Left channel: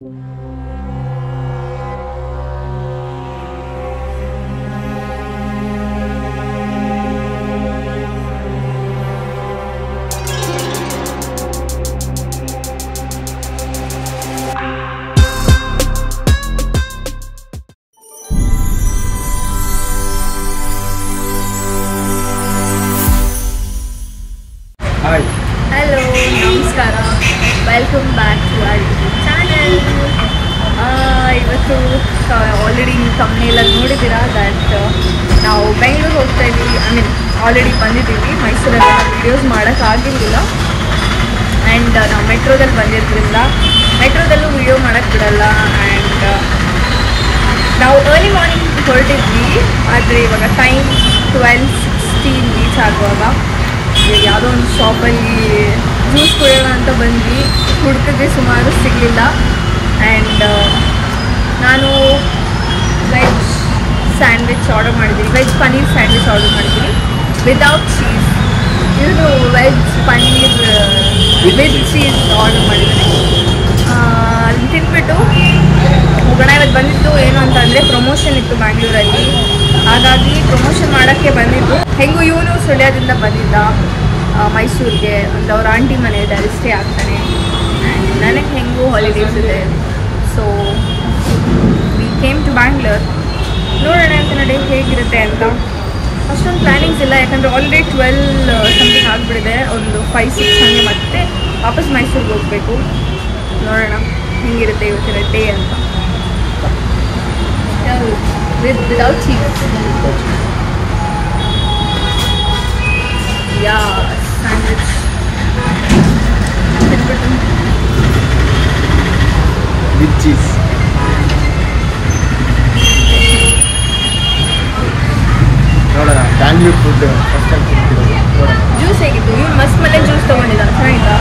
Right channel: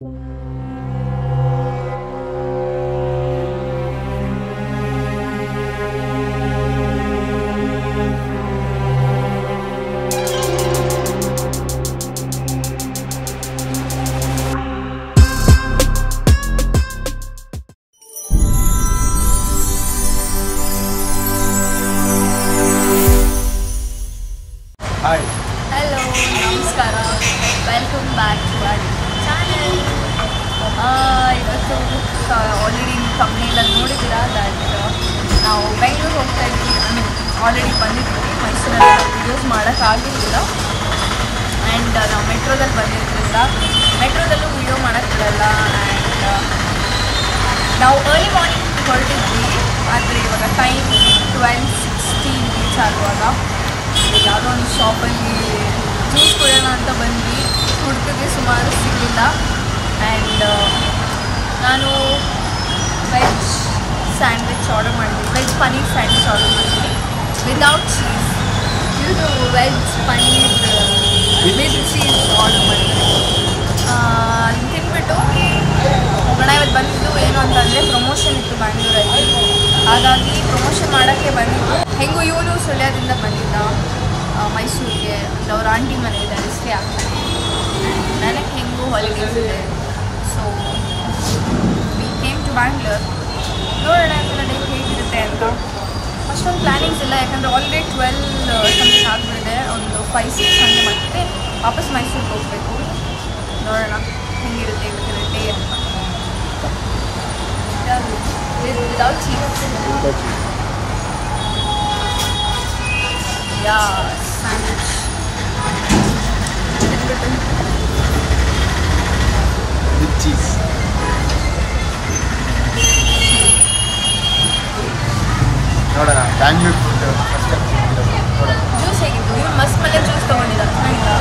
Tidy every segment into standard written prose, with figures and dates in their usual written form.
Hello, ನಮಸ್ಕಾರ. Welcome back to our YouTube channel. ಇವತ್ತು already ನೀವು ತಮ್ಮನೇಲಲ್ಲಿ ನೋಡಿದ್ದೀರಾ ದಟ್ ನಾವು ಬೆಂಗಳೂರು ಹೋಗ್ತಾ ಇದ್ದೀವಿ. ಆಲ್ರೆಡಿ ಬಂದಿದ್ದೀವಿ. ಮೈಸೂರಲ್ಲೆಲ್ಲ ವೀಡಿಯೋಸ್ ಮಾಡೋಕ್ಕಾಗಿರಲಿಲ್ಲ. ಆ್ಯಂಡ್ ನಾವು ಮೆಟ್ರೋದಲ್ಲಿ ಬಂದಿದ್ದರಿಂದ ಮೆಟ್ರೋದಲ್ಲೂ ವೀಡಿಯೋ ಮಾಡೋಕ್ಕೆ ಬಿಡಲ್ಲ. ಆ್ಯಂಡ್ ನಾವು ಅರ್ಲಿ ಮಾರ್ನಿಂಗ್ ಹೊರಟಿದ್ವಿ, ಆದರೆ ಇವಾಗ ಟೈಮ್ 12:16 ರೀಚ್ ಆಗುವಾಗ ಯಾವುದೋ ಒಂದು ಶಾಪಲ್ಲಿ ಜ್ಯೂಸ್ ಕುಡಿಯೋಣ ಅಂತ ಬಂದ್ವಿ. ಹುಡುಕಿದ್ರೆ ಸುಮಾರು ಸಿಗಲಿಲ್ಲ. ಆ್ಯಂಡ್ ನಾನು ವೆಜ್ ಸ್ಯಾಂಡ್ವಿಚ್ ಆರ್ಡರ್ ಮಾಡಿದ್ದೀನಿ, ವೆಜ್ ಪನ್ನೀರ್ ಸ್ಯಾಂಡ್ವಿಚ್ ಆರ್ಡರ್ ಮಾಡಿದ್ದೀನಿ ವಿದೌಟ್ ಚೀಸ್. ಇದು veg paneer with cheese order ಮಾಡಿದ್ದೀನಿ. ಅದನ್ನು ತಿಂದ್ಬಿಟ್ಟು ಹೋಗೋಣ. ಇವತ್ತು ಬಂದಿದ್ದು ಏನು ಅಂತಂದರೆ ಪ್ರಮೋಷನ್ ಇತ್ತು ಬ್ಯಾಂಗ್ಳೂರಲ್ಲಿ, ಹಾಗಾಗಿ ಪ್ರಮೋಷನ್ ಮಾಡೋಕ್ಕೆ ಬಂದಿದ್ದು. ಹೆಂಗೂ ಇವನು ಸುಳ್ಯದಿಂದ ಬಂದಿದ್ದ ಮೈಸೂರಿಗೆ ಅಂತ ಅವ್ರ ಆಂಟಿ ಮನೆ ಇದೆ, ಅಲ್ಲಿ ಸ್ಟೇ ಆಗ್ತಾನೆ. ಆ್ಯಂಡ್ ನನಗೆ ಹೆಂಗೂ ಹಾಲಿಡೇಸ್ ಇದೆ, so we came to Bangalore. ನೋಡೋಣ ಅಂತ ನಡೆ ಹೇಗಿರುತ್ತೆ ಅಂತ. ಅಷ್ಟೊಂದು ಪ್ಲ್ಯಾನಿಂಗ್ಸ್ ಇಲ್ಲ, ಯಾಕಂದರೆ ಆಲ್ರೆಡಿ 12 ಸಮಥಿಂಗ್ ಆಗಿಬಿಡಿದೆ. ಒಂದು 5-6 ಹಾಗೆ ಮತ್ತೆ ವಾಪಸ್ ಮೈಸೂರಿಗೆ ಹೋಗಬೇಕು. ನೋಡೋಣ ಹೆಂಗಿರುತ್ತೆ ಇವತ್ತಿನ ಡೇ ಅಂತ. Without cheese. ಯಾ ಸ್ಯಾಂಡ್ವಿಚ್ ತಿನ್ಬಿಟ್ಟು ವಿತ್ ಚೀಸ್. ನೋಡೋಣ ಬ್ಯಾಂಗ್ಳೂರ್ ಫುಡ್ ಫಸ್ಟ್ ಟೈಮ್ ತಿಂತಿರೋದು. ನೋಡೋಣ. ಜ್ಯೂಸ್ ಹೇಗಿತ್ತು? ನೀವು ಮಸ್ತ್ ಮನೆ ಜ್ಯೂಸ್ ತೊಗೊಂಡಿಲ್ಲ, ಚೆನ್ನಾಗಿತ್ತಾ?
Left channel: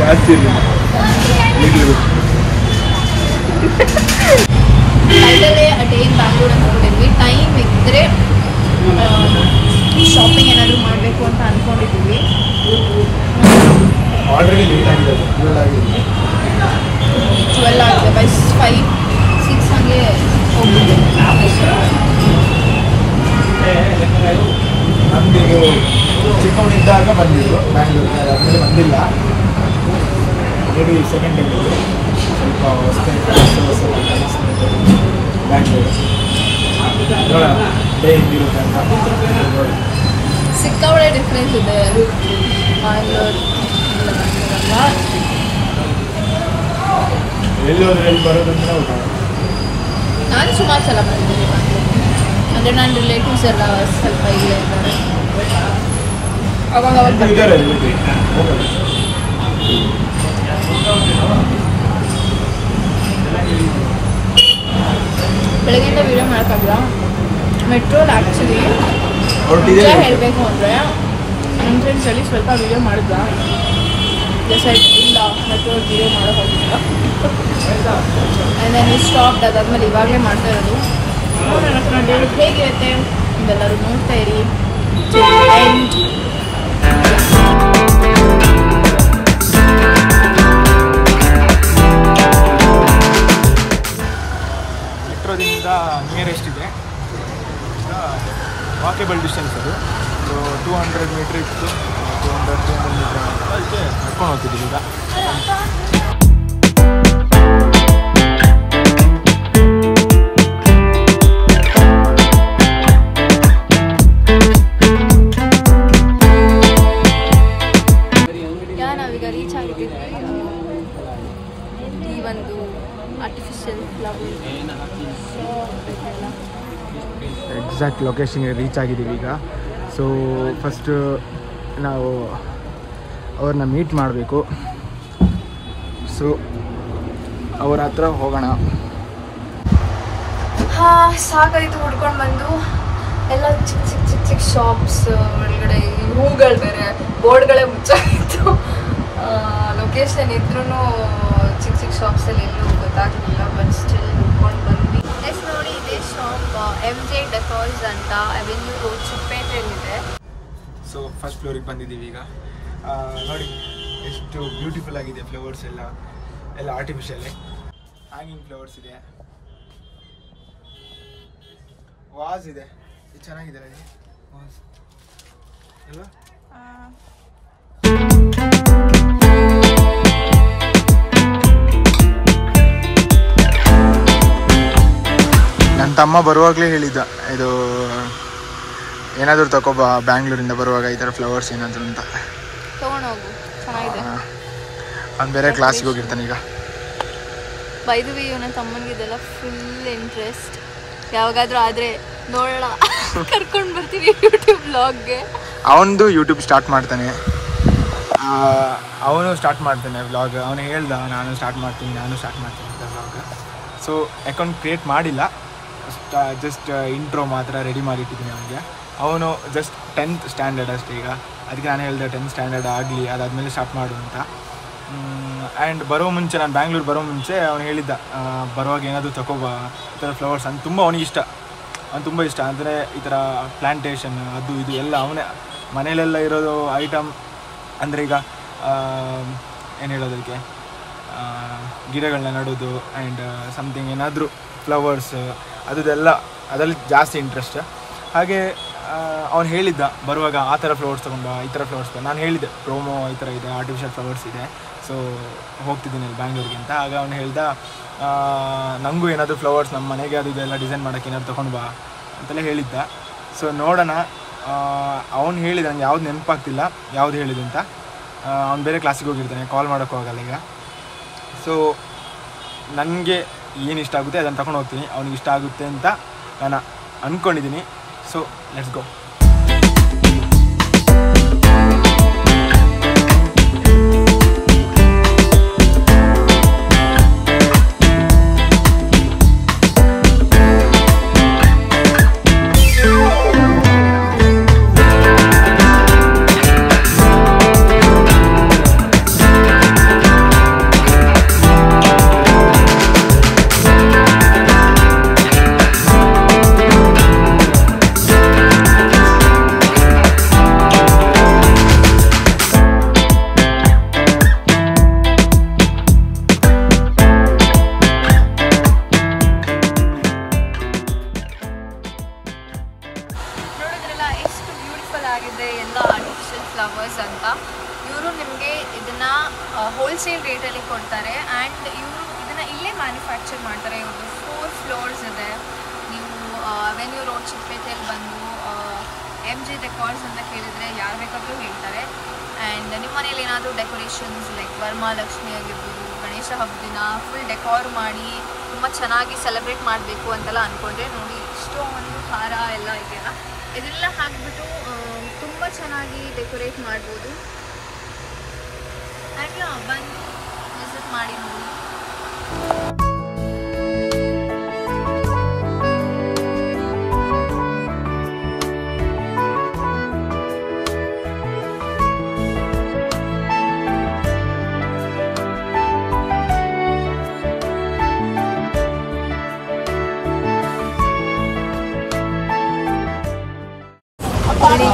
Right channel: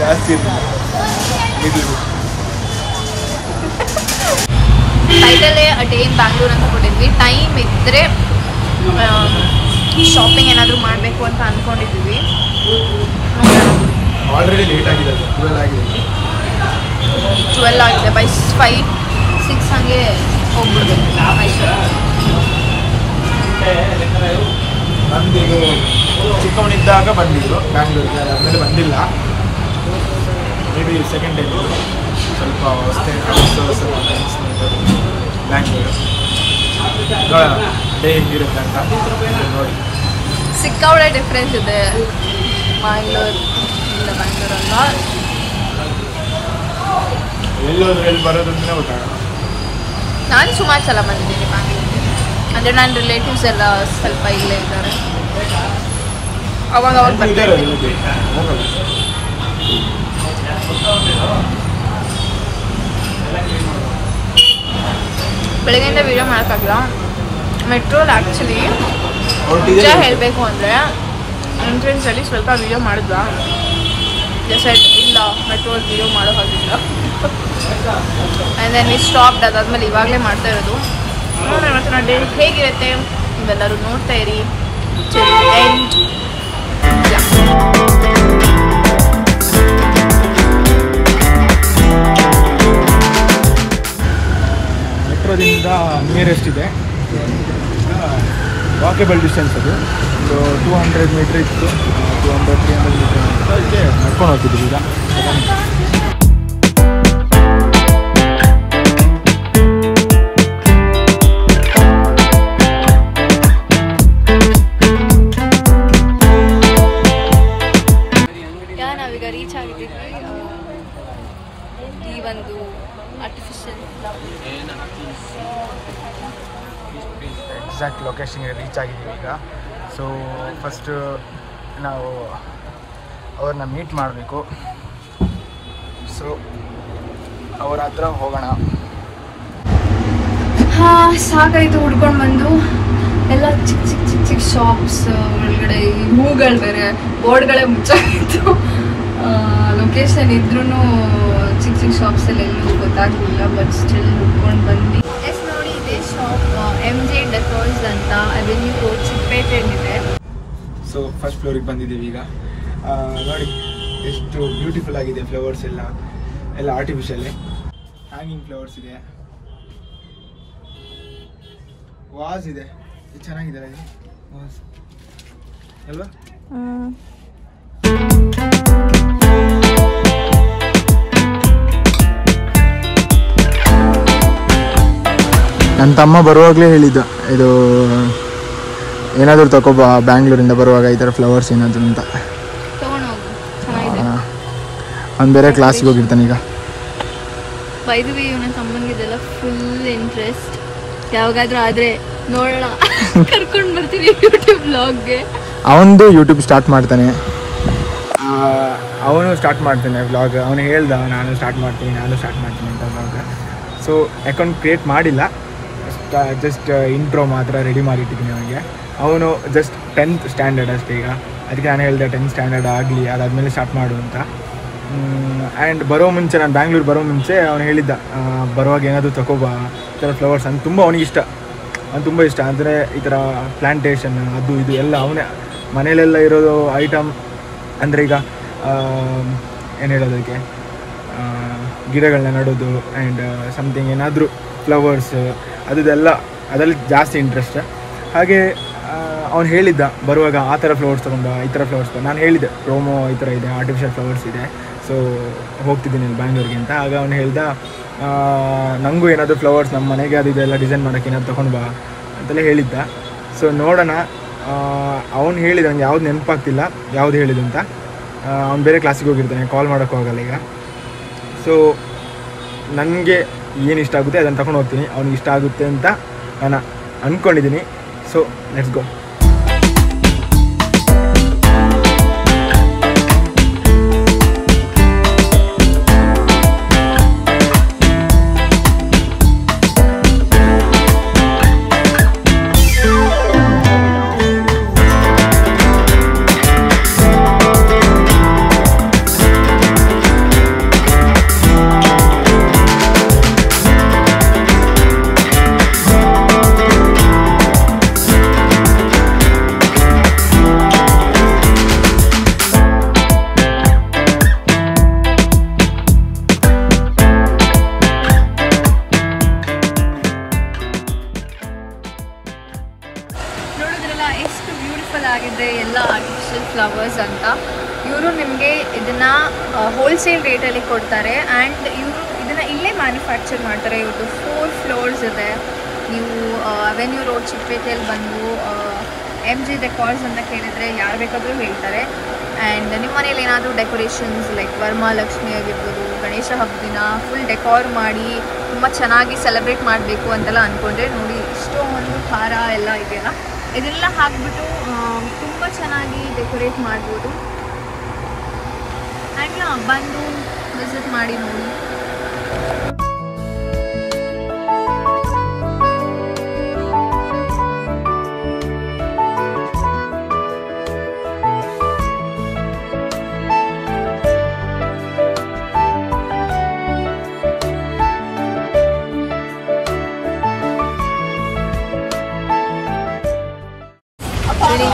ಜಾಸ್ತಿ ಇರಲಿಲ್ಲ, ಲಿಟಲ್ ಟೈಟಲ್ಲೇ ಅ ಡೇ ಇನ್ ಬ್ಯಾಂಗ್ಳೂರ್ ಅಂತ ಕೊಟ್ಟಿದ್ವಿ. ಟೈಮ್ ಇದ್ದರೆ ಶಾಪಿಂಗ್ ಏನಾದರೂ ಮಾಡಬೇಕು ಅಂತ ಅಂದ್ಕೊಂಡಿದ್ದೀವಿ. ಆಲ್ರೆಡಿ ಲೇಟ್ ಆಗಿದೆ, 12 ಆಗಿದೆ. 12 ಆಗಿದೆ. ಬೈ 5-6 ಹಂಗೆ ಹೋಗ್ಬಿಡ್ತೀವಿ ಮೈಸೂರು. ನಮಗೂ ಚಿಕ್ಕವನಿದ್ದಾಗ ಬಂದಿದ್ದು ಬ್ಯಾಂಗ್ಳೂರಿಗೆ, ಅದಾದಮೇಲೆ ಬಂದಿಲ್ಲ. ಮೇ ಬಿ ಸೆಕೆಂಡ್ ಟೈಮ್ ಇದು. ಸ್ವಲ್ಪ ಹೊಸ್ತೇ ಬ್ಯಾಂಗ್ಳೂರು. ನೋಡೋಣ ಡೇ ಹೆಂಗಿರುತ್ತೆ ಅಂತ ನೋಡಿ. ಸಿಕ್ಕಾಪಟ್ಟೆ ಡಿಫ್ರೆನ್ಸ್ ಇದೆ ಬ್ಯಾಂಗ್ಳೂರ್ ಇಲ್ಲ ಬ್ಯಾಂಗ್ಳೂರಲ್ಲ. ಎಲ್ಲಿ ಬರೋದಂತಲೇ ಗೊತ್ತಾಗಲ್ಲ. ನಾನು ಸುಮಾರು ಸಲ ಬಂದಿದ್ದೀನಿ ಬ್ಯಾಂಗ್ಳೂರಿಗೆ. ಅಂದರೆ ನನ್ನ ರಿಲೇಟಿವ್ಸ್ ಎಲ್ಲ ಸ್ವಲ್ಪ ಇಲ್ಲೇ ಇದ್ದಾರೆ, ಅವಾಗ ಬರ್ತಾರೆ. ಬೆಳಗ್ಗೆಯಿಂದ ವೀಡಿಯೋ ಮಾಡೋಕ್ಕಾಗಿಲ್ಲ. ಮೆಟ್ರೋಲ್ ಆ್ಯಕ್ಚುಲಿ ನಿಜ ಹೇಳಬೇಕು ಅಂದರೆ ಎಂಟ್ರೆನ್ಸಲ್ಲಿ ಸ್ವಲ್ಪ ವೀಡಿಯೋ ಮಾಡಿದ್ದ. ಸೈಡ್ ಇಲ್ಲ ಮೆಟ್ರೋಲ್ ವೀಡಿಯೋ ಮಾಡೋಕ್ಕಾಗಿಲ್ಲ. ಆ್ಯಂಡ್ ದೆನ್ ಈ ಸ್ಟಾಪ್ ಅದಾದ್ಮೇಲೆ ಇವಾಗಲೇ ಮಾಡ್ತಾ ಇರೋದು. ನೋಡೋಣ ಇವತ್ತು ಡೇ ಹೇಗಿರುತ್ತೆ ಇದೆಲ್ಲರೂ ನೋಡ್ತಾ ಇರಿ. ಎಂಡ್ ಮೆಟ್ರೋದಿಂದ ನಿಯರೆಸ್ಟ್ ಇದೆ, ವಾಕೇಬಲ್ ಡಿಸ್ಟೆನ್ಸ್. ಅದು ಒಂದು 200 ಮೀಟ್ರ್ ಇತ್ತು, 200-300 ಮೀಟ್ರ್ ಅದಕ್ಕೆ ನಡ್ಕೊಂಡು ಹೋಗ್ತಿದ್ದೀವಿ ಈಗ. ನಾವೀಗ ರೀಚ್ ಆಗಿದ್ದೀವಿ ಈ ಒಂದು ಆರ್ಟಿಫಿಷಿಯಲ್ ಫ್ಲವರ್. ಎಕ್ಸಾಕ್ಟ್ ಲೊಕೇಶನ್ಗೆ ರೀಚ್ ಆಗಿದ್ದೀವಿ ಈಗ. ಸೊ ಫಸ್ಟು ನಾವು ಅವ್ರನ್ನ ಮೀಟ್ ಮಾಡಬೇಕು. ಸೊ ಅವ್ರ ಹತ್ರ ಹೋಗೋಣ. ಸಾಕಾಯಿತು ಹುಡ್ಕೊಂಡು ಬಂದು. ಎಲ್ಲ ಚಿಕ್ಕ ಚಿಕ್ಕ ಚಿಕ್ಕ ಚಿಕ್ಕ ಶಾಪ್ಸ್ ಒಳಗಡೆ ಹೂಗಳು ಬೇರೆ ಬೋರ್ಡ್ಗಳೇ ಮುಚ್ಚಾಗಿತ್ತು. ಲೊಕೇಶನ್ ಇದ್ರೂ ಚಿಕ್ಕ ಚಿಕ್ಕ ಶಾಪ್ಸಲ್ಲಿ ಎಲ್ಲೂ ಗೊತ್ತಾಗಲಿಲ್ಲ. ಬಟ್ ಸ್ಟಿಲ್ ಹುಡ್ಕೊಂಡು ಬಂದ್ವಿ. ನೋಡಿ ಇದೆ ಶಾಪ್ MJ ಡೆಕೋರ್ಸ್ ಅಂತ, ಅವೆನ್ಯೂ ಚಿಕ್ಕಪೇಟೆಯಲ್ಲಿದೆ. ಸೊ ಫಸ್ಟ್ ಫ್ಲೋರಿಗೆ ಬಂದಿದ್ದೀವಿ ಈಗ. ನೋಡಿ ಎಷ್ಟು ಬ್ಯೂಟಿಫುಲ್ ಆಗಿದೆ ಫ್ಲವರ್ಸ್ ಎಲ್ಲ. ಎಲ್ಲ ಆರ್ಟಿಫಿಷಿಯಲ್ ಹ್ಯಾಂಗಿಂಗ್ ಫ್ಲವರ್ಸ್ ಇದೆ, ವಾಸ್ ಇದೆ. ಇದು ಚೆನ್ನಾಗಿದೆ ವಾಸ್ ಅಲ್ವಾ? ನನ್ನ ತಮ್ಮ ಬರುವಾಗಲೇ ಹೇಳಿದ್ದ, ಇದು ಏನಾದರೂ ತಗೋಬಾ ಬ್ಯಾಂಗ್ಳೂರಿಂದ ಬರುವಾಗ ಈ ಥರ ಫ್ಲವರ್ಸ್ ಏನಾದರೂ ಅಂತ. ಅವ್ನು ಬೇರೆ ಕ್ಲಾಸಿಗೆ ಹೋಗಿರ್ತಾನೆ ಈಗ. ಬೈದ್ವಿ ಇವನ ತಮ್ಮನಿಗೆ ಇದೆಲ್ಲ ಫುಲ್ ಇಂಟ್ರೆಸ್ಟ್. ಯಾವಾಗಾದ್ರೂ ಆದರೆ ನೋಡೋಣ, ಕರ್ಕೊಂಡು ಬರ್ತೀವಿ ಯೂಟ್ಯೂಬ್ ಬ್ಲಾಗ್ಗೆ. ಅವನದು ಯೂಟ್ಯೂಬ್ ಸ್ಟಾರ್ಟ್ ಮಾಡ್ತಾನೆ, ಅವನು ಸ್ಟಾರ್ಟ್ ಮಾಡ್ತಾನೆ ವ್ಲಾಗ್. ಅವನು ಹೇಳ್ದ ನಾನು ಸ್ಟಾರ್ಟ್ ಮಾಡ್ತೀನಿ ಅಂತ ವ್ಲಾಗ್. ಸೊ ಅಕೌಂಟ್ ಕ್ರಿಯೇಟ್ ಮಾಡಿಲ್ಲ, ಜಸ್ಟ್ ಇಂಟ್ರೋ ಮಾತ್ರ ರೆಡಿ ಮಾಡಿಟ್ಟಿದ್ದೀನಿ ಅವನಿಗೆ. ಅವನು ಜಸ್ಟ್ 10th ಸ್ಟ್ಯಾಂಡರ್ಡ್ ಅಷ್ಟೇ ಈಗ. ಅದಕ್ಕೆ ನಾನು ಹೇಳಿದೆ 10th ಸ್ಟ್ಯಾಂಡರ್ಡ್ ಆಗಲಿ, ಅದಾದಮೇಲೆ ಸ್ಟಾರ್ಟ್ ಮಾಡು ಅಂತ. ಆ್ಯಂಡ್ ಬರೋ ಮುಂಚೆ, ನಾನು ಬ್ಯಾಂಗ್ಳೂರು ಬರೋ ಮುಂಚೆ ಅವನು ಹೇಳಿದ್ದ, ಬರುವಾಗ ಏನಾದರೂ ತಗೋಬಾ ಈ ಥರ ಫ್ಲವರ್ಸ್ ಅಂತ. ತುಂಬ ಅವನಿಗೆ ಇಷ್ಟ, ಅವ್ನು ತುಂಬ ಇಷ್ಟ. ಅಂದರೆ ಈ ಥರ ಪ್ಲ್ಯಾಂಟೇಷನ್ ಅದು ಇದು ಎಲ್ಲ ಅವನೇ ಮನೇಲೆಲ್ಲ ಇರೋದು ಐಟಮ್. ಅಂದರೆ ಈಗ ಏನು ಹೇಳೋದಕ್ಕೆ, ಗಿಡಗಳನ್ನ ನೆಡೋದು ಆ್ಯಂಡ್ ಸಮಥಿಂಗ್ ಏನಾದರೂ ಫ್ಲವರ್ಸ್ ಅದೆಲ್ಲ ಅದರಲ್ಲಿ ಜಾಸ್ತಿ ಇಂಟ್ರೆಸ್ಟ್. ಹಾಗೆ ಅವ್ನು ಹೇಳಿದ್ದ ಬರುವಾಗ ಆ ಥರ ಫ್ಲವರ್ಸ್ ತೊಗೊಂಡ, ಈ ಥರ ಫ್ಲವರ್ಸ್. ನಾನು ಹೇಳಿದ್ದೆ ಪ್ರೋಮೋ ಈ ಥರ ಇದೆ, ಆರ್ಟಿಫಿಷಿಯಲ್ ಫ್ಲವರ್ಸ್ ಇದೆ, ಸೊ ಹೋಗ್ತಿದ್ದೀನಿ ಬ್ಯಾಂಗ್ಳೂರಿಗೆ ಅಂತ. ಆಗ ಅವ್ನು ಹೇಳ್ದ, ನನಗೂ ಏನಾದರೂ ಫ್ಲವರ್ಸ್ ನಮ್ಮ ಮನೆಗೆ ಅದು ಇದೆಲ್ಲ ಡಿಸೈನ್ ಮಾಡೋಕ್ಕೆ ಏನಾದ್ರು ತೊಗೊಂಡು ಬಾ ಅಂತೆಲ್ಲ ಹೇಳಿದ್ದ. ಸೊ ನೋಡೋಣ. ಅವ್ನು ಹೇಳಿದ, ನಂಗೆ ಯಾವ್ದು ನೆನಪಾಗ್ತಿಲ್ಲ ಯಾವ್ದು ಹೇಳಿದ್ದು ಅಂತ. ಅವ್ನು ಬೇರೆ ಕ್ಲಾಸಿಗೆ ಹೋಗಿರ್ತಾನೆ, ಕಾಲ್ ಮಾಡೋಕ್ಕೂ ಆಗಲ್ಲ ಈಗ. ಸೊ ನನಗೆ ಏನು ಇಷ್ಟ ಆಗುತ್ತೆ ಅದನ್ನು ತಗೊಂಡು ಹೋಗ್ತೀನಿ, ಅವ್ನಿಗೆ ಇಷ್ಟ ಆಗುತ್ತೆ ಅಂತ ನಾನು ಅಂದ್ಕೊಂಡಿದ್ದೀನಿ. So let's go. ಆಗಿದೆ ಎಲ್ಲ ಆರ್ಟಿಫಿಷಿಯಲ್ ಫ್ಲವರ್ಸ್ ಅಂತ. ಇವರು ನಿಮಗೆ ಇದನ್ನು ಹೋಲ್ಸೇಲ್ ರೇಟಲ್ಲಿ ಕೊಡ್ತಾರೆ. ಆ್ಯಂಡ್ ಇವರು ಇದನ್ನು ಇಲ್ಲೇ ಮ್ಯಾನುಫ್ಯಾಕ್ಚರ್ ಮಾಡ್ತಾರೆ. ಇವ್ರದ್ದು 4 ಫ್ಲೋರ್ಸ್ ಇದೆ. ನೀವು ಅವೆನ್ಯೂ ರೋಡ್ ಚಿಕ್ಕಪೇಟೆಯಲ್ಲಿ ಬಂದು MG ಡೆಕಾರ್ಸ್ ಅಂತ ಕೇಳಿದರೆ ಯಾರು ಬೇಕಾದರೂ ಹೇಳ್ತಾರೆ. ಆ್ಯಂಡ್ ನಿಮ್ಮ ಮನೇಲಿ ಏನಾದರೂ ಡೆಕೋರೇಷನ್ಸ್ ಲೈಕ್ ವರಮಹಾಲಕ್ಷ್ಮಿ ಆಗಿರ್ಬೋದು, ಗಣೇಶ ಹಬ್ಬ ದಿನ ಫುಲ್ ಡೆಕಾರ್ ಮಾಡಿ ತುಂಬ ಚೆನ್ನಾಗಿ ಸೆಲೆಬ್ರೇಟ್ ಮಾಡಬೇಕು ಅಂತೆಲ್ಲ ಅಂದ್ಕೊಂಡ್ರೆ ನೋಡಿ, ಇಷ್ಟೊಂದು ಹಾರ ಎಲ್ಲ ಇದೆಯಲ್ಲ, ಇದೆಲ್ಲ ಹಾಕಿಬಿಟ್ಟು ತುಂಬ ಚೆನ್ನಾಗಿ ಡೆಕೋರೇಟ್ ಮಾಡ್ಬೋದು. ಆ್ಯಂಡ್ ಬಂದು ವಿಸಿಟ್ ಮಾಡಿ ನೋಡಿ.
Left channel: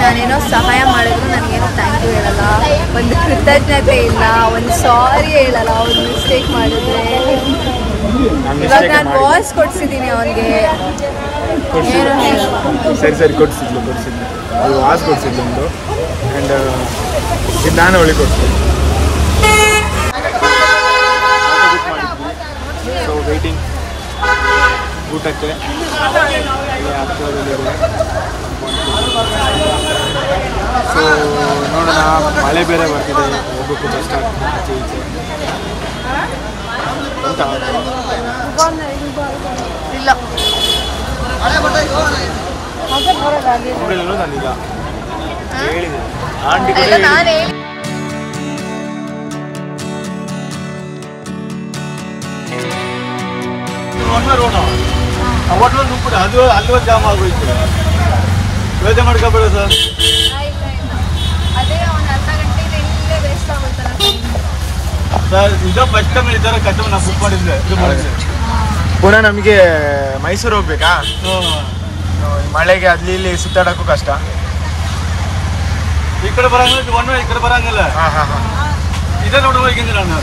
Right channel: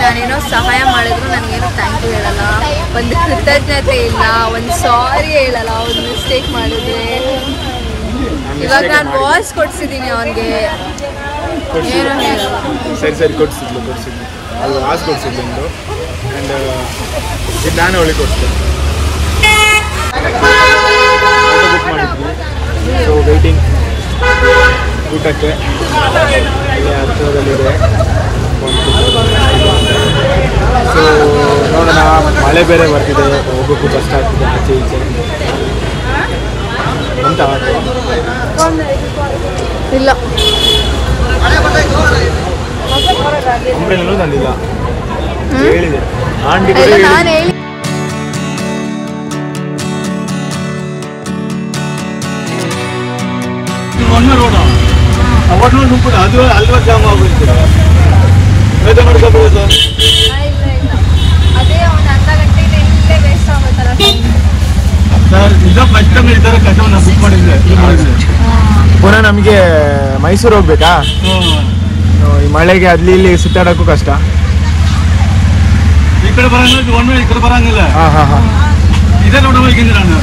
ನಾನೇನೋ ಸಹಾಯ ಮಾಡಿದ್ರು ನನಗೇನೋ ಥ್ಯಾಂಕ್ ಯು ಹೇಳಲ್ಲ, ಒಂದು ಕೃತಜ್ಞತೆ ಇಲ್ಲ, ಒಂದು ಸಾರಿ ಹೇಳಲ್ಲ ಒಂದು ಮಿಸ್ಟೇಕ್ ಮಾಡಿದ್ರೆ. ಇವಾಗ ನಾನು ವಾಯ್ಸ್ ಕೊಡ್ಸಿದ್ದೀನಿ ಅವನಿಗೆ, ಏನೋ ಹೇಳಲ್ಲ. ಸರಿ ಕೊಡ್ಸಿದ್ಲು ಅದು ವಾಯ್ಸ್ ಕೊಡ್ಸಿದ್ಲು ಒಂದು. ಆ್ಯಂಡ್ ಇದು ನಾನು ಒಳ್ಳೆ ಕೊಡ್ತೀನಿ. ಬುಕ್ ಮಾಡಿದ್ವಿ. ಸೊ ವೆಯ್ಟಿಂಗ್ ಊಟಕ್ಕೆ ಅಲ್ಲಿ ಹತ್ತಿರದಲ್ಲಿದೆ. ಸೊ ನೋಡೋಣ, ಮಳೆ ಬೇರೆ ಬರ್ತಿದೆ, ಹೋಗೋಕ್ಕೂ ಕಷ್ಟ ಆಗ್ತಿದೆ ಆಚೆ ಈಚೆ ಅಂತ. ಇಲ್ಲ ಅಂಬ್ರೆಲ್ಲೂ ತಂದಿಲ್ಲ, ಹೇಳಿದೆ ಆಂಟಿ ಕೂಡ ಅದು ಅಲ್ವ ಜಾಮ್ ಆಗೋಯ್ತು. ಯೋಚನೆ ಮಾಡ್ಕೊಬಿಡೋದು. ಅದೇ ಒಂದು ಅರ್ಧ ಗಂಟೆಗೆ ವೇಸ್ಟ್ ಆಗುತ್ತಲ್ಲ. ಈಗ ಫಸ್ಟ್ ಟೈಮ್ ಈ ಥರ ಕಸ್ಟಮರ್ ನಾವು ಬುಕ್ ಮಾಡಿದ್ವಿ, ಇದು ಮಾಡಿದ್ವಿ. ಪುನಃ ನಮಗೆ ಮೈಸೂರು ಹೋಗ್ಬೇಕಾ, ಈ ಮಳೆಗೆ ಅಲ್ಲಿ ಇಲ್ಲಿ ಸುತ್ತಾಡೋಕ್ಕೂ ಕಷ್ಟ. ಈ ಕಡೆ ಬರಂಗಿಲ್ಲ, ಈ ಕಡೆ ಬರಂಗಿಲ್ಲ. ಹಾಂ ಇದೇ ನೋಡಿ ಹೋಗಿದ್ದೀನಿ ನಾನು.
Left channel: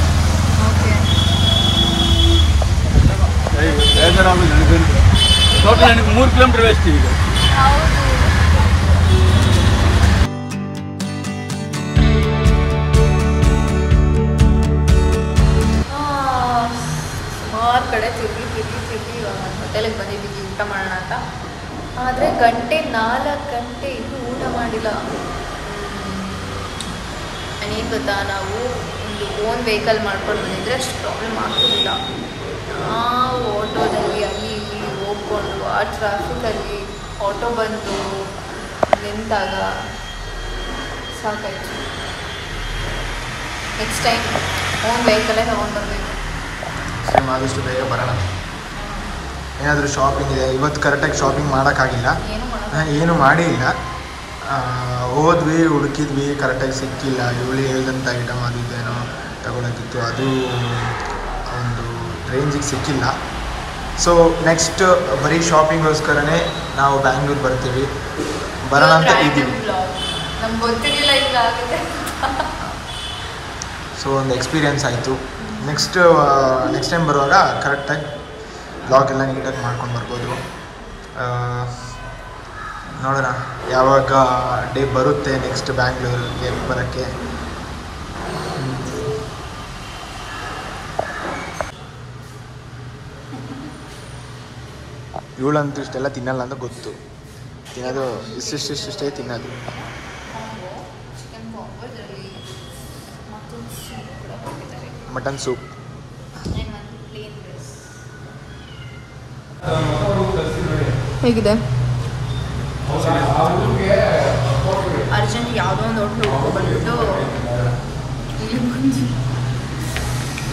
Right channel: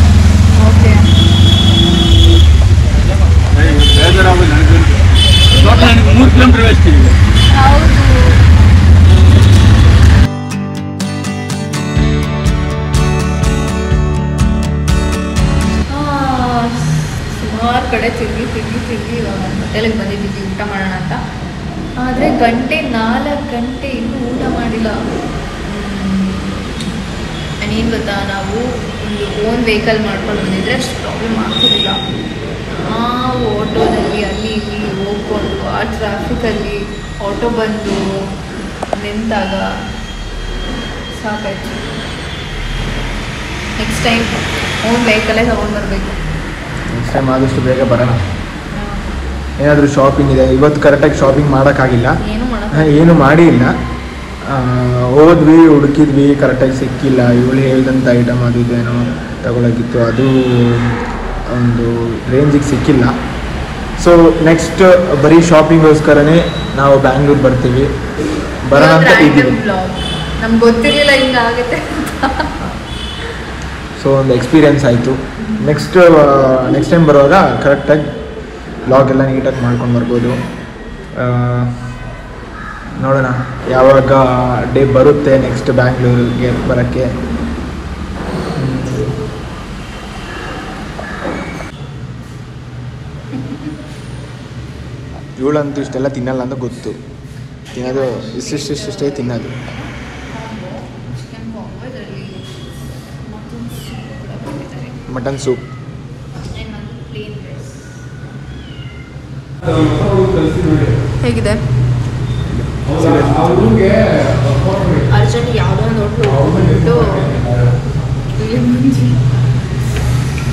ಕಡೆ ತಿರುಗಿ ಇವಾಗ ಹೋಟೆಲಿಗೆ ಬಂದಿದ್ದೀವಿ ಊಟ ಮಾಡೋಣ ಅಂತ. ಆದರೆ 4 ಗಂಟೆ ಇನ್ನೂ ಊಟ ಮಾಡಿಲ್ಲ. ಏನು ಗೊತ್ತಾ, ನಾವು ಒಂದು ಓನ್ ವೆಹಿಕಲ್ ಮಾಡ್ಕೊಂಡು ಬಂದಿದ್ರೆ ಅಷ್ಟು ಪ್ರಾಬ್ಲಮ್ ಆಗ್ತಿರಲಿಲ್ಲ. ಆಟೋದಲ್ಲಿ ಅಲ್ಲಿ ಇಲ್ಲಿ ಹೋಗ್ಕೊಂಡು ಆ ಟ್ರಾಫಿಕಲ್ಲಿ ಆಟೋ ಬಂದು ನಿಂತಾಗ ಸಾಕಾಯ್ತು. ನೆಕ್ಸ್ಟ್ ಟೈಮ್ ಓನ್ ವೆಹಿಕಲೇ ತಗೊಂಡು ಬರಬೇಕು. ನೆಕ್ಸ್ಟ್ ಟೈಮ್ ಆದಷ್ಟು ಬೇಗ ಬರೋಣ. ಏನಾದರೂ ಶಾಪಿಂಗ್ ಇದೆ, ಇವತ್ತು ಕರೆಕ್ಟಾಗಿ ಶಾಪಿಂಗ್ ಮಾಡೋಕ್ಕಾಗಿಲ್ಲ, ಏನು ಮಾಡೇ ಇಲ್ಲ. ಹೋದ್ವಿ, ಹುಡುಕಿದ್ವಿ, ಕರೆಕ್ಟಾಗಿ ಸಿಕ್ಕಿಲ್ಲ. ಇವಳು ಹೇಳ್ದಂಥ ಐಟಮ್ ಅದು ಇದೇನೋ ತಗೊಳೋಕ್ಕಿತ್ತು, ಅದು ಒಂದು ರೇಂಜಿಗೆ ಸಿಕ್ಕಿಲ್ಲ. ಸೊ ನೆಕ್ಸ್ಟ್ ಬರೀ ಶಾಪಿಂಗೋಸ್ಕರನೇ ನಾವು ಬ್ಯಾಂಗ್ಳೂರು ಬರ್ತೀವಿ, ಬರೋಣ ಅಂತ ಇದ್ದೀವಿ. ನಮ್ಗೆ ಗೊತ್ತಿರಲಿಲ್ಲ ಹಿಂಗಾಗುತ್ತೆ. ಸೊ ಒಂದು ಎಕ್ಸ್ಪೀರಿಯನ್ಸ್ ಆಯಿತು. ನೆಕ್ಸ್ಟ್ ಟೈಮ್ ಬರುವಾಗ ಕರೆಕ್ಟಾಗಿ ಬ್ಲಾಗ್ ಎಲ್ಲ ನೀಟಾಗಿ ಮಾಡ್ಕೊಂಡು ಬರ್ಬೋದು. ನೋಡೋಣ ಯಾವಾಗ ಡೇ ಬರುತ್ತೆ ನೆಕ್ಸ್ಟ್ ಬ್ಯಾಂಗ್ಳೂರಿಗೆ ಬರೋಕ್ಕೆ. ಇವಳಂತೂ ಇಷ್ಟೆಲ್ಲ ತಿನ್ನಲ್ಲ ಅಂತ ಗೊತ್ತು, ತಿನ್ನೋದು ಇಷ್ಟೇ ತಿನ್ನೋದು. ಮಟನ್ ಸೂಪ್ ಹೇಗಿದೆ? ಅರ್ಜೆಂಟ್ ಯಾವುದೋ ಒಂದು ಹೋಟ್ಲು ಹೋಗ್ಬಿಟ್ಟು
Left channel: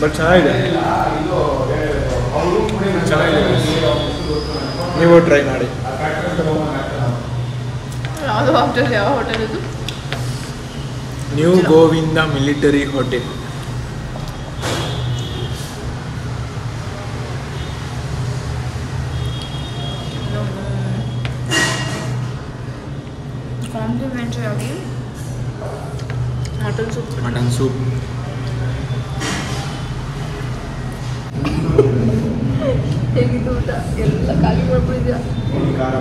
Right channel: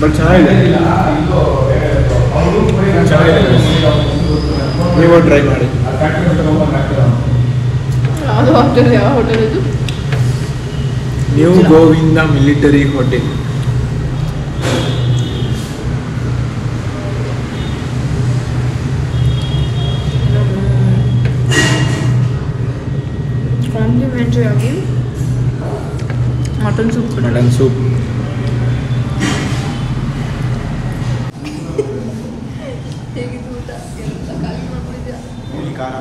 ಬಟ್ ಚೆನ್ನಾಗಿದೆ. ನೀವು ಟ್ರೈ ಮಾಡಿ. ಯಾವುದು ಹೋಟೆಲ್? ಯಾವ ಹೋಟೆಲ್ ಇದು? New Govinda military hotel. Complimentary ಆಗಿ ಮಟನ್ ಸೂಪ್ ಹೇಗಿದ್ದು ಊಟ? ಎಲ್ಲ ಖಾಲಿ ಮಾಡ್ಬಿಟ್ಟಿದ್ಯಾ? ಖಾರ,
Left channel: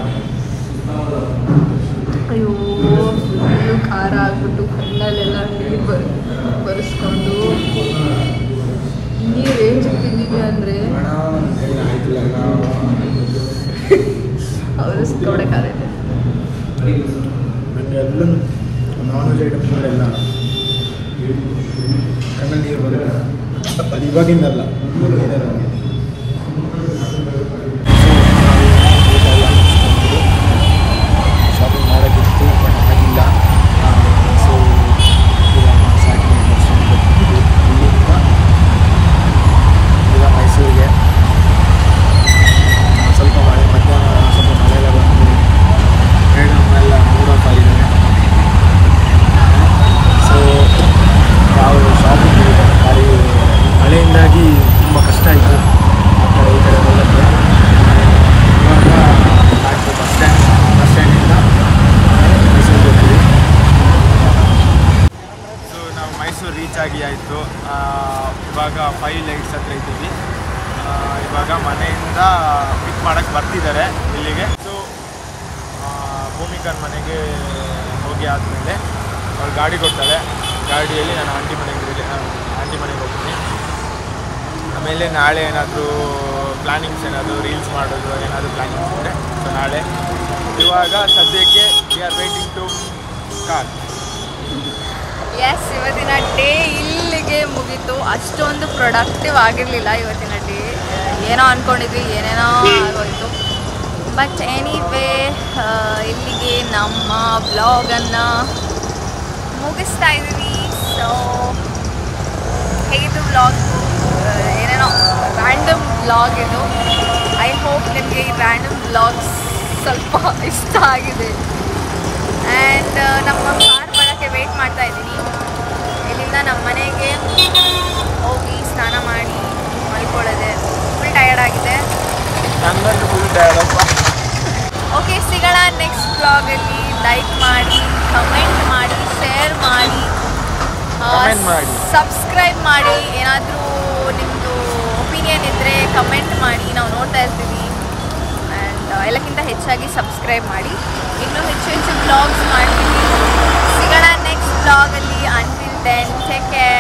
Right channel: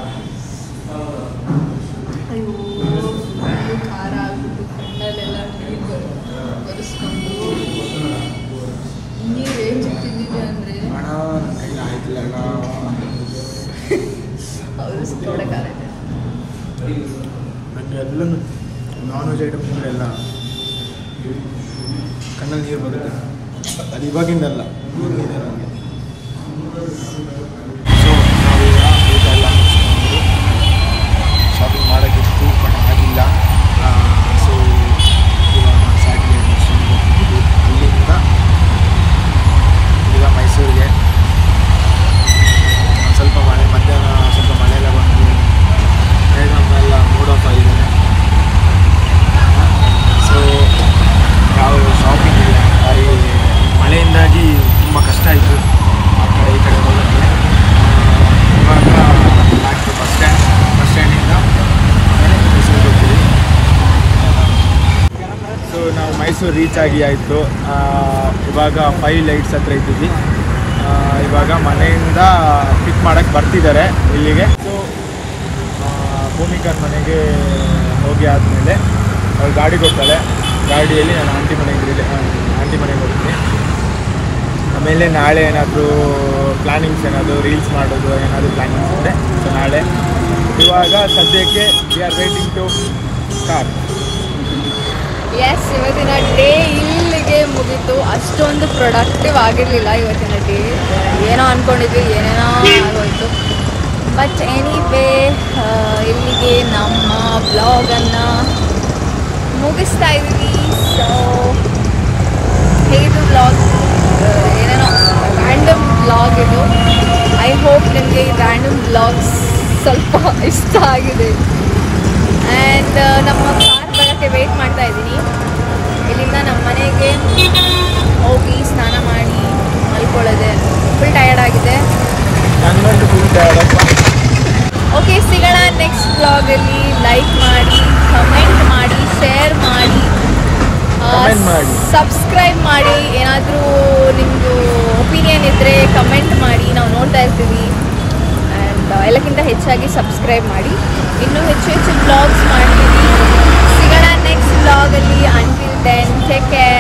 ಅಯ್ಯೋ ಖಾರ ಆಗ್ಬಿಟ್ಟು ಕಣ್ಣಲ್ಲೆಲ್ಲ ನೀರು ಬರೆಸ್ಕೊಂಡು ನೀರು ಏನು ತಿಂತಿದ್ದೀವಿ ಅಂದರೆ ಅವರಸ್ಕೊಡೆ ಖಾರ ಇದೆ. ಎಲ್ಲ ನಾನ್ ವೆಜ್ ಐಟಮ್ಸ್ ಎಲ್ಲ ಕಣ್ಣಲ್ಲಿ ನೀರು ಬರುತ್ತೆ. ಅದು ಇವಾಗಿಂದಲ್ಲ, ಶಾಪಿಂಗ್ ಮಾಡೋಕ್ಕಿತ್ತು ಬಟ್ ಆಗಿಲ್ಲ. ಸೊ ಇವಾಗ ಸ್ಯಾಟರ್ಡೇ ಬಸ್ಸಲ್ಲಿ ಬರ್ತಿದ್ದು ಅಲ್ಲಿಂದ ಈಗ ಮೈಸೂರಿಗೆ. ಸ್ವಲ್ಪ ಮಳೆ, ಮಧ್ಯಾಹ್ನ ಸ್ವಲ್ಪ ಮಳೆ ಎಲ್ಲ ಬಂದು ಎಲ್ಲ ಮೂಡೋಪ ಇದೆ. ಸೊ ಯಾವ ಶಾಪಿಂಗ್ ಇಲ್ಲ, ಭಾರಿ ಮಳೆಯಿಂದಾಗಿ ತುಂಬ ಕಷ್ಟ ಆಯಿತು ಆ ಕಡೆ ಈ ಕಡೆ ಹೋಗೋಕ್ಕೆ. ಇವಾಗ ಬ್ಯಾಕ್ ಟು ಬಸ್ ಸ್ಟ್ಯಾಂಡಿಂದ ಮೈಸೂರಿಗೆ ಹೋಗ್ತೀವಿ. ಸೊ ನಾವು ಮೈಸೂರು ರೀಚ್ ಆಗಿ ಆಯಿತು. ಇವಾಗ 5 ಲೈಟ್ಸ್ ಹತ್ರ ಇದ್ದೀವಿ. ಇವಾಗ ಮನೆಯಿಂದ ಪಿಕ್ ಮಾಡೋಕ್ಕೆ ಬರ್ತಿದ್ದಾರೆ ಇಲ್ಲಿಗೆ. ಸೊ ಭೂಮಿಕನ ಮನೆಗೆ ಹೋಗಿ ಆದಮೇಲೆ ಅವ್ರು ಗಾಡಿ ಕೊಡ್ತಾಳೆ. ಗಾಡಿಯಲ್ಲಿ ನಾನು ಆಂಟಿ ಮನೆಗೆ ಹೋಗ್ತೀನಿ. ಆಮೇಲೆ ನಾಳೆ ಏನಾದರೂ ಪ್ಲ್ಯಾನಿಂಗ್ಸ್, ಏನಾದರೂ ರೀಲ್ಸ್ ಮಾಡೋದು ಏನಾದರೂ ಪ್ಲ್ಯಾನಿಂಗ್ಸ್ ಇದೆ. ಸೊ ನಾಳೆ. ಇವಾಗ ಸದ್ಯಕ್ಕೆ we are waiting to car. Yes, ಇವತ್ತಿನ ಡೇ ಇಲ್ಲಿಗೆ ಮುಗೀತು. ಅಷ್ಟೊಂದು ಪ್ರೊಡಕ್ಟಿವ್ ಆಗಿರಲಿಲ್ಲ ಇವತ್ತಿನ ಡೇ. ಏನೋ ಅಂದ್ಕೊಂಡಿದ್ವಿ, ಏನೇನೋ ಆಗೋಯ್ತು. ಬಟ್ ಎನಿವೇ ಇಲ್ಲಿಗೆ ನಮ್ಮ ಬ್ಲಾಗನ್ನು ಮುಗಿಸ್ತಾ ಇದ್ದೀವಿ. ಸೊ ಹೇಗಿತ್ತು ಬ್ಲಾಗ್? ಏನೇನೋ ರ್ಯಾಂಡಮ್ ಬ್ಲಾಗ್ ಇದು. ಐ ಹೋಪ್ ನಿಮಗೆ ಈ ರ್ಯಾಂಡಮ್ ಬ್ಲಾಗ್ಸ್ ಸ್ವಲ್ಪ ಇಷ್ಟ ಆಗಿದೆ. ಆ್ಯಂಡ್ ನಮ್ಮ ಕಾರ್ ಬರೋಕ್ಕೆ ವೆಯ್ಟ್ ಮಾಡ್ತಾ ಇದ್ದೀನಿ. ಇಲ್ಲಿಂದ ನಮ್ಮ ಮನೆಗೆ ಹೋಗಿ ಸ್ನಾನ ಮಾಡಿ ಮಲ್ಕೊಳ್ಳೋದೆ. ಫುಲ್ ಟಯರ್ಡ್ ಆಗಿದೆ. ಓಕೆ, ಸಿಗೋಣ ನೆಕ್ಸ್ಟ್ ಬ್ಲಾಗಲ್ಲಿ. ಲೈಕ್ ಮಾಡಿ, ಕಮೆಂಟ್ ಮಾಡಿ, ಶೇರ್ ಮಾಡಿ, ಸಬ್ಸ್ಕ್ರೈಬ್ ಮಾಡಿ. ಏನಾದರೂ ನಿಮ್ಮದು ಒಪಿನಿಯನ್ ಇದ್ದರೆ ಕಮೆಂಟ್ ಮಾಡಿ, ನಾವು ನೋಡ್ತಾ ಇರ್ತೀವಿ. ಆ್ಯಂಡ್ ಎಲ್ಲಕ್ಕಿಂತ ಹೆಚ್ಚಾಗಿ ಸಬ್ಸ್ಕ್ರೈಬ್ ಮಾಡಿ. ಇನ್ನೂ ಹೆಚ್ಚು ಬ್ಲಾಗ್ಸ್ ಮಾಡ್ತೀವಿ. ಸಿಗೋಣ ನೆಕ್ಸ್ಟ್ ಬ್ಲಾಗಲ್ಲಿ. Until then take care.